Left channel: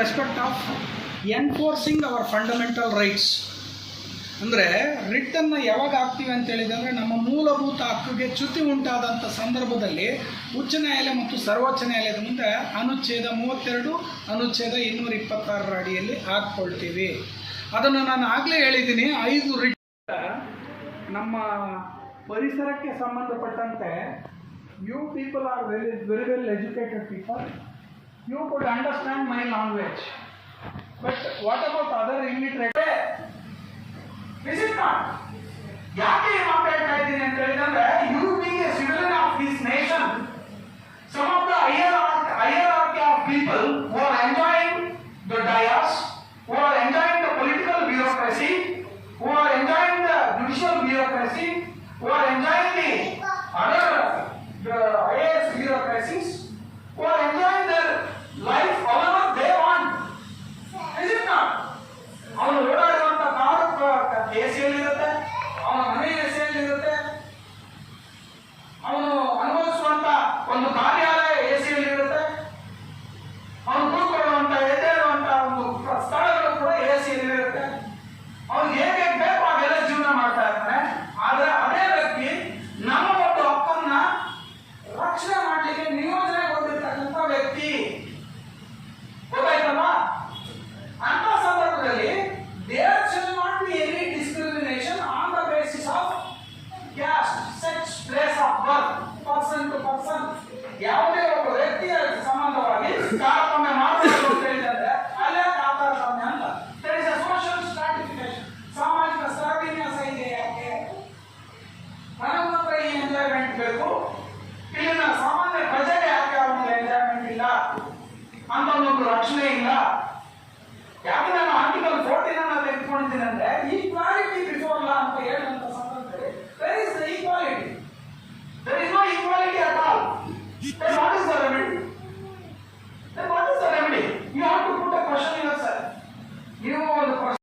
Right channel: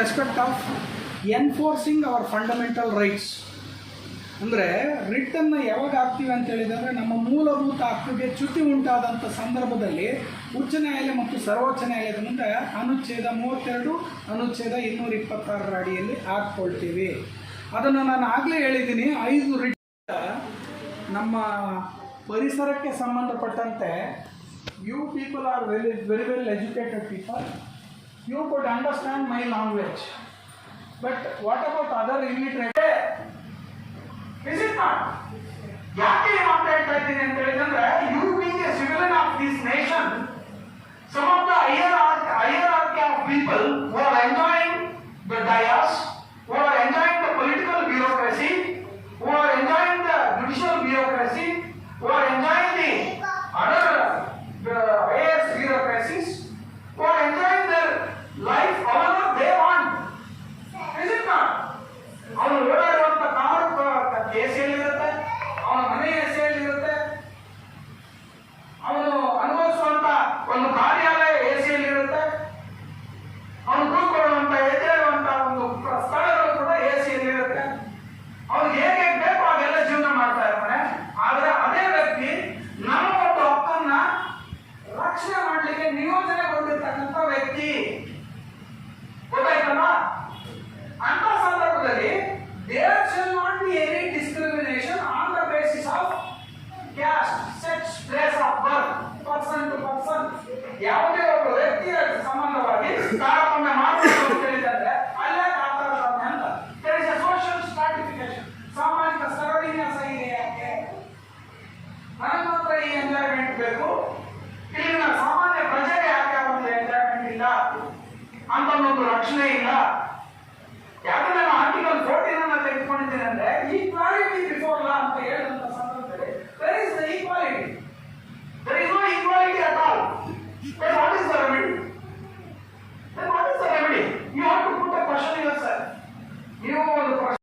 Respect of enforcing our fundamental rights ಅಂದರೆ ರಿಟ್ಟನ್ನು ಯಾವಾಗ ಹಾಕ್ತೀವಿ ಅಂತ ಹೇಳಿದರೆ ನಮ್ಮ ಮೂಲಭೂತ ಹಕ್ಕಿಗೆ ಚ್ಯುತಿ ಉಂಟಾದಂಥ ಸಂದರ್ಭದಲ್ಲಿ ಉಚ್ಚ ನ್ಯಾಯಾಲಯ ಮತ್ತು ಸರ್ವೋಚ್ಚ ನ್ಯಾಯಾಲಯದ ಮುಂದೆ ಅನುಚ್ಛೇದ ಮೂವತ್ತೆರಡು, ಅನುಚ್ಛೇದ ಇನ್ನೂರ ಇಪ್ಪತ್ತಾರರ ಅಡಿಯಲ್ಲಿ ಹಾಕ್ಕೊಳ್ತೀವಿ. ಅದನ್ನು ನಾನು ಆಗಲೇ ಹೇಳಿದ್ದೀನಿ, ಐದು ರಿಟ್ ನಮ್ಮ ಪರಿಸರಕ್ಕೆ ಸಂಬಂಧಪಟ್ಟಂತೆ you people are very very well educated people you could understand my language but what about other illiterate is it not ಯಾಕೆ ಈ ಮಾತಾಡ್ತಾ ಇದ್ದೀನಿ ಅಂತ ಹೇಳಿದ್ರೆ you being a citizen of this nation some of the higher hierarchy of people who are enjoying the dayas, shall discrimination on the basis of caste, sex, of of birth, person. To person ಯಾವುದೇ ಒಬ್ಬ ವ್ಯಕ್ತಿಯ ಸಂಬಂಧವಾಗಿ ತಾರತಮ್ಯ ಮಾಡಬಹುದು ಅಂತ ಹೇಳಿದ್ರೆ ಅಲ್ಲೇ ತಾರತಮ್ಯ ಅಂತ. A social stratification. ಸಾಮಾಜಿಕ ಸ್ತರವಿನ್ಯಾಸ ಇದೆ ಯಾಕೆ ನನಗೆ ಈ ಎಂಜಾಯ್ಮೆಂಟ್ ಬೇಕು? ಇಲ್ಲಿನ ಸಾಮಾನ್ಯ ಪ್ರಜೆಗೆ ಯಾಕೆ ಒಂದು ಎಂಜಾಯ್ಮೆಂಟ್ ಇಲ್ಲ? ಅಂತ ಒಂದು ರಕ್ಷಣೆ ಇಲ್ಲ?